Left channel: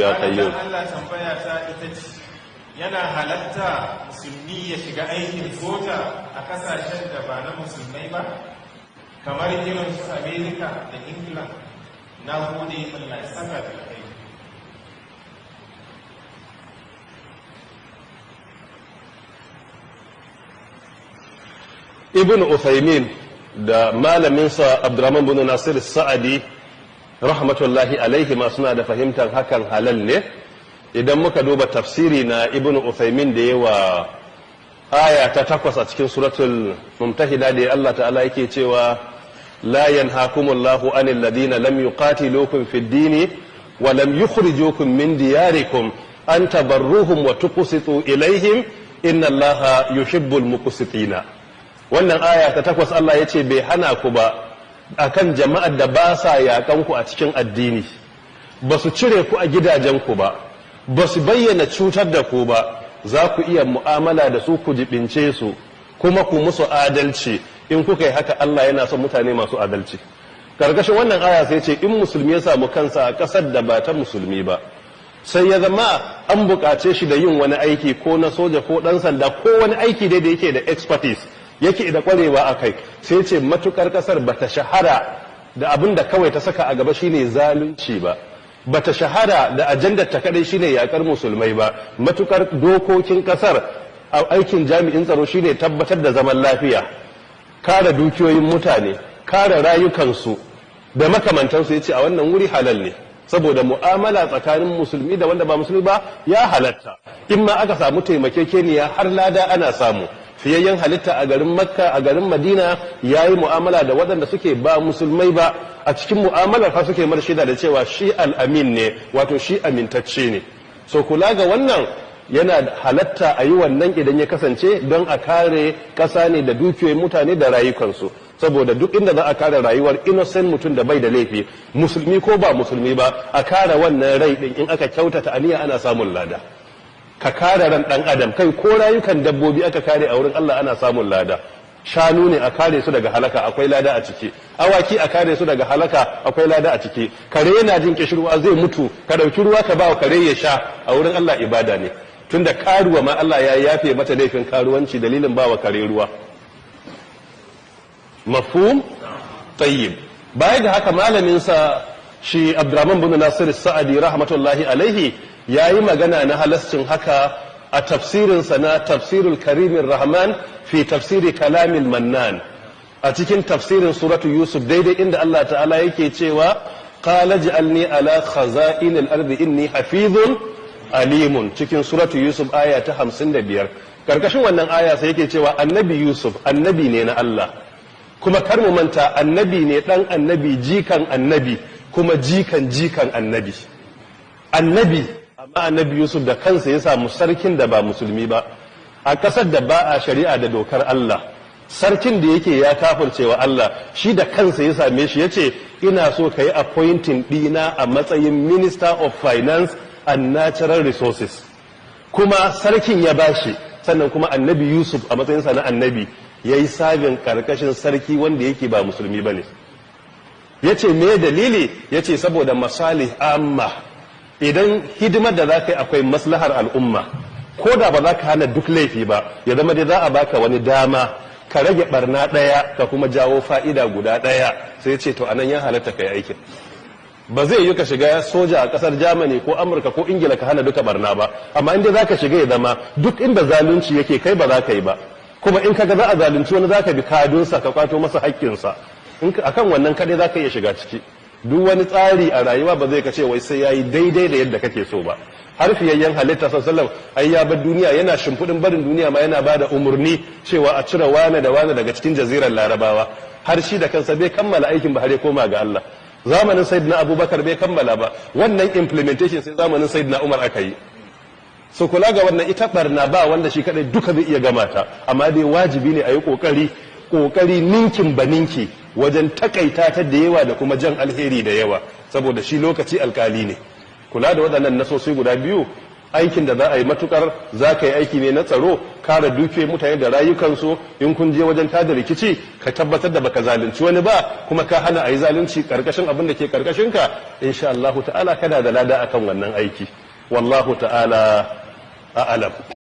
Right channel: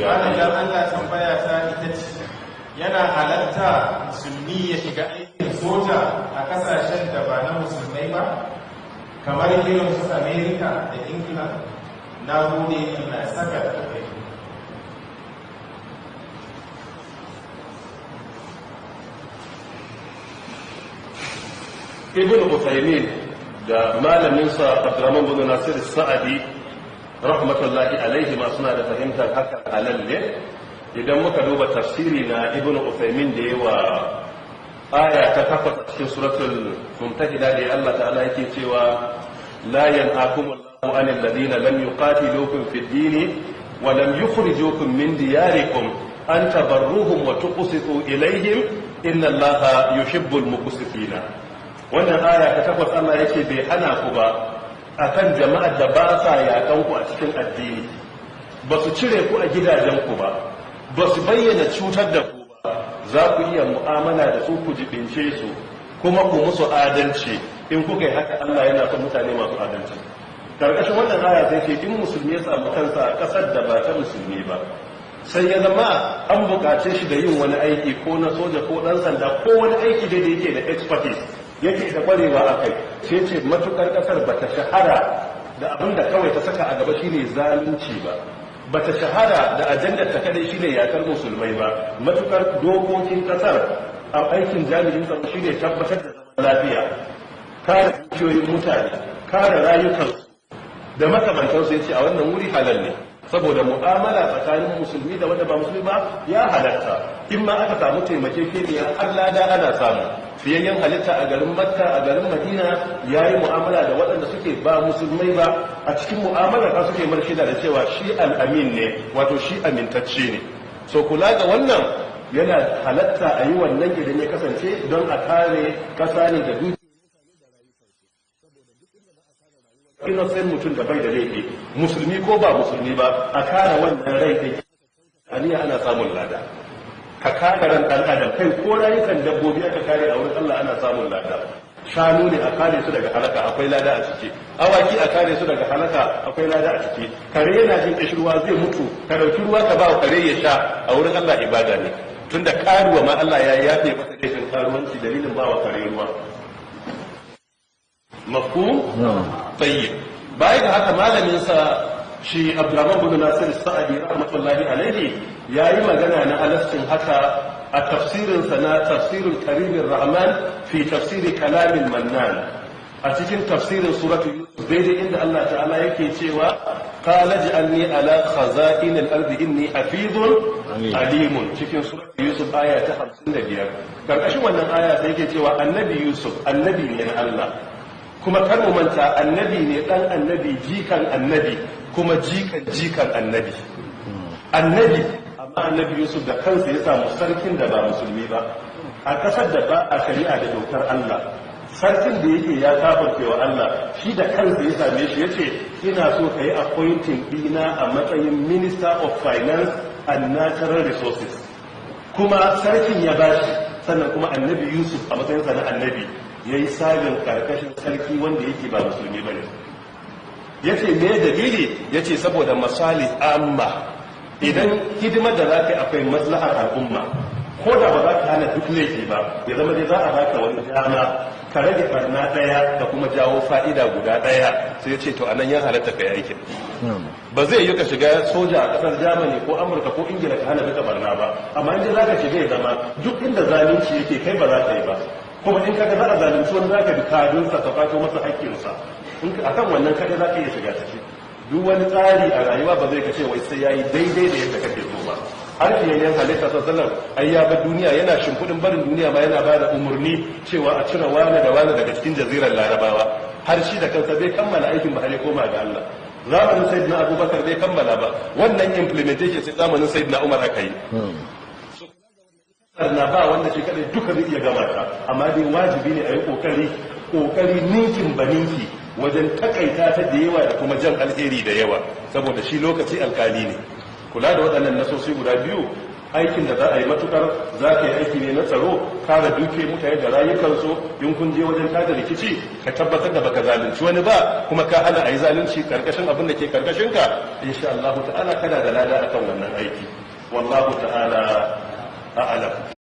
ya qayyum. Allah tambaya ta ita ce, yana halatta musulmi ya shiga aikin soja a kasashen da ba na musulmai ba kamar irin su Amerika da Ingila? Na gode, Allah ya saka da kai. Ibn Uthaymin da malaminsa Abdurrahman bin Nasir Sa'adi rahmatullahi alaihi ma suna da fahimtar hakan halal ne. Idan muka duba tafsiri na Ibn Uthaymin da yawa aya ta 8 a cikin suratul Mumtahida da Allah ta'ala yake cewa la yanhaakumullahu anil ladina lam yuqatilukum fid din wa lam yukhrijukum min diyarikum an tabarruhum wa tuqsitu ilayhim inna Allaha yuhibbul muqsitina. Wannan aya ta 8 Allah yace bai hana ku ba akan jama'ar da ba sa yakan ku a cikin addini, ba su cire ku a gidajen ku ba, ba su bayyana cutar da ku ba, za ku iya mu'amala da su ku jibince su kuma ku musu adalci. In kuka yi haka Allah yana son mutane masu adalci. Karkashin wannan aya sai ce in musulmi ya samu kansa a ƙasar da ba ta musulmi ba, sai ya zama an buƙace shi da yin wani aiki ko na soja ko ɗan sanda ko wani aiki dai da yake da expertise, yake da ƙwarewa a kai, sai ce matukar ƙasar ba ta shahara da abin da kawai ta saka a gaba shine zalunci ba, bata shahara da ajandar ta kadai shine yakar musulmai ba, matukar dokokin kasar a aikin jami'in tsaro shine tabbatar da zaman lafiya, kare dukiyoyin mutane, kare rayukansu da makamantansu. yace a wannan wuri halal ne, saboda mu'amala tsakanin musulmi da wanda ba musulmi ba ya halatta. In ma aka samu taimakekeniya har lada ana samu. Fiyayyen halitta a garin Makka, a garin Madina ya yi mu'amala da waɗanda suke ba musulmai ba, a cikin mu'amala fa suke mar shaida da cewa shi al'amin ne, wato shi amintacce ne. So kula ga wannan yana halatta a yi wannan idan ya kasance don a kare ƙasa ne da dukiyoyin mutane da rayukansu, saboda duk inda za a kare rayuwar innocent mutum da bai da laifi, musulmi ko ba musulmi ba, a kare wannan rai ɗin in aka kyautata aniya ana samun lada. Ka kare ran ɗan adam, kai ko rayukan dabbobi aka kare a wurin Allah ana samun lada. Shanu ne a kare su daga halaka, akwai lada a ciki. Awaki a kare su daga halaka, akwai lada a ciki. Kare yana jin kishirwa zai mutu, ka ɗauki ruwa ka ba kare ya sha, a wurin Allah ibada ne. Tunda karuwa ma Allah ya yafe mata laifin karuwanci dalilin ba wa kare ruwa. Mafhum? Tayyib. Bayan da haka malamin sa shi Abdurrahman bin Nasir Sa'adi rahmatullahi alaihi ya yi magana na halascin haka a tafsirinsa na tafsirul karimin rahman fi tafsiri kalamin mannan, a cikin tafsirin suratu Yusuf daidai inda Allah ta'ala yake cewa qala ij'alni ala khaza'inil ardi inni hafizun alimun, cikin suratu Yusuf aya ta 55. Karkashin wannan aya sai yake cewa annabi Yusuf annabi ne na Allah, kuma kar mu manta annabi ne dan annabi jikan annabi kuma jikan annabi. Amma annabi Yusuf da kansa ya samu sarkin da ba musulmi ba, a ƙasar da ba a shari'a da dokar Allah, sarkin da yake ya kafircewa Allah, shi da kansa ya same shi yace ina so ka yi appointing ɗina a matsayin Minister of Finance and Natural Resources, kuma sarkin ya bashi. Sannan kuma annabi Yusuf a matsayinsa na annabi ya yi sabin karkashin sarki wanda yake ba musulmi ba ne. Ya ce me dalili? Ya ce saboda masalih amma, idan hidimar da za ka yi akwai maslahar al'umma, ko da ba za ka hana duk laifi ba, ya zama dai za a baka wani dama ka rage barna ɗaya da kuma jawo fa'ida guda ɗaya, sai ce to anan ya halatta ka yi aikin. Ba zai yi ka shiga soja a ƙasar Germany ko Amurka ko Ingila ka hana duka barna ba, amma inda za ka shiga ya zama duk inda zalunci yake kai ba za ka yi ba, kuma in ka ga za a zalunci wani za ka bi kadunsa ka kwato masa haƙƙinsa, akan wannan kadai za ka iya shiga ciki. Duk wani tsari a rayuwa ba zai ka ce wai sai ya yi daidai da yadda kake so ba. Har fiyayyen halitta sallallahu ai ya bar duniya, yana shimfiɗin barin duniya ma yana ba da umarni cewa a cire wane da wane daga cikin jazirar Larabawa, har shi da kansa bai kammala aikin ba har ya koma ga Allah. Zamanin Sayyidina Abubakar bai kammala ba, wannan implementation sai zamanin Sayyidina Umar aka yi. So kula ga wannan ita barna ba wanda shi kadai duka zai iya gama ta, amma dai wajibi ne a yi kokari ninkin ba ninki wajen takaita ta da yawa da kuma jan alheri da yawa, saboda shi lokaci alkali ne. Kula da waɗannan nasosi guda biyu aikin da za a yi matukar za ka yi aiki ne na tsaro, kare dukiyoyin mutane da rayukansu. In kun je wajen tada rikici ka tabbatar da baka zalunci wani ba, kuma ka hana a yi zalunci karkashin abin da ke karkashin ka, insha Allah ta'ala kana da lada akan wannan aiki. Wallahu ta'ala a'lam.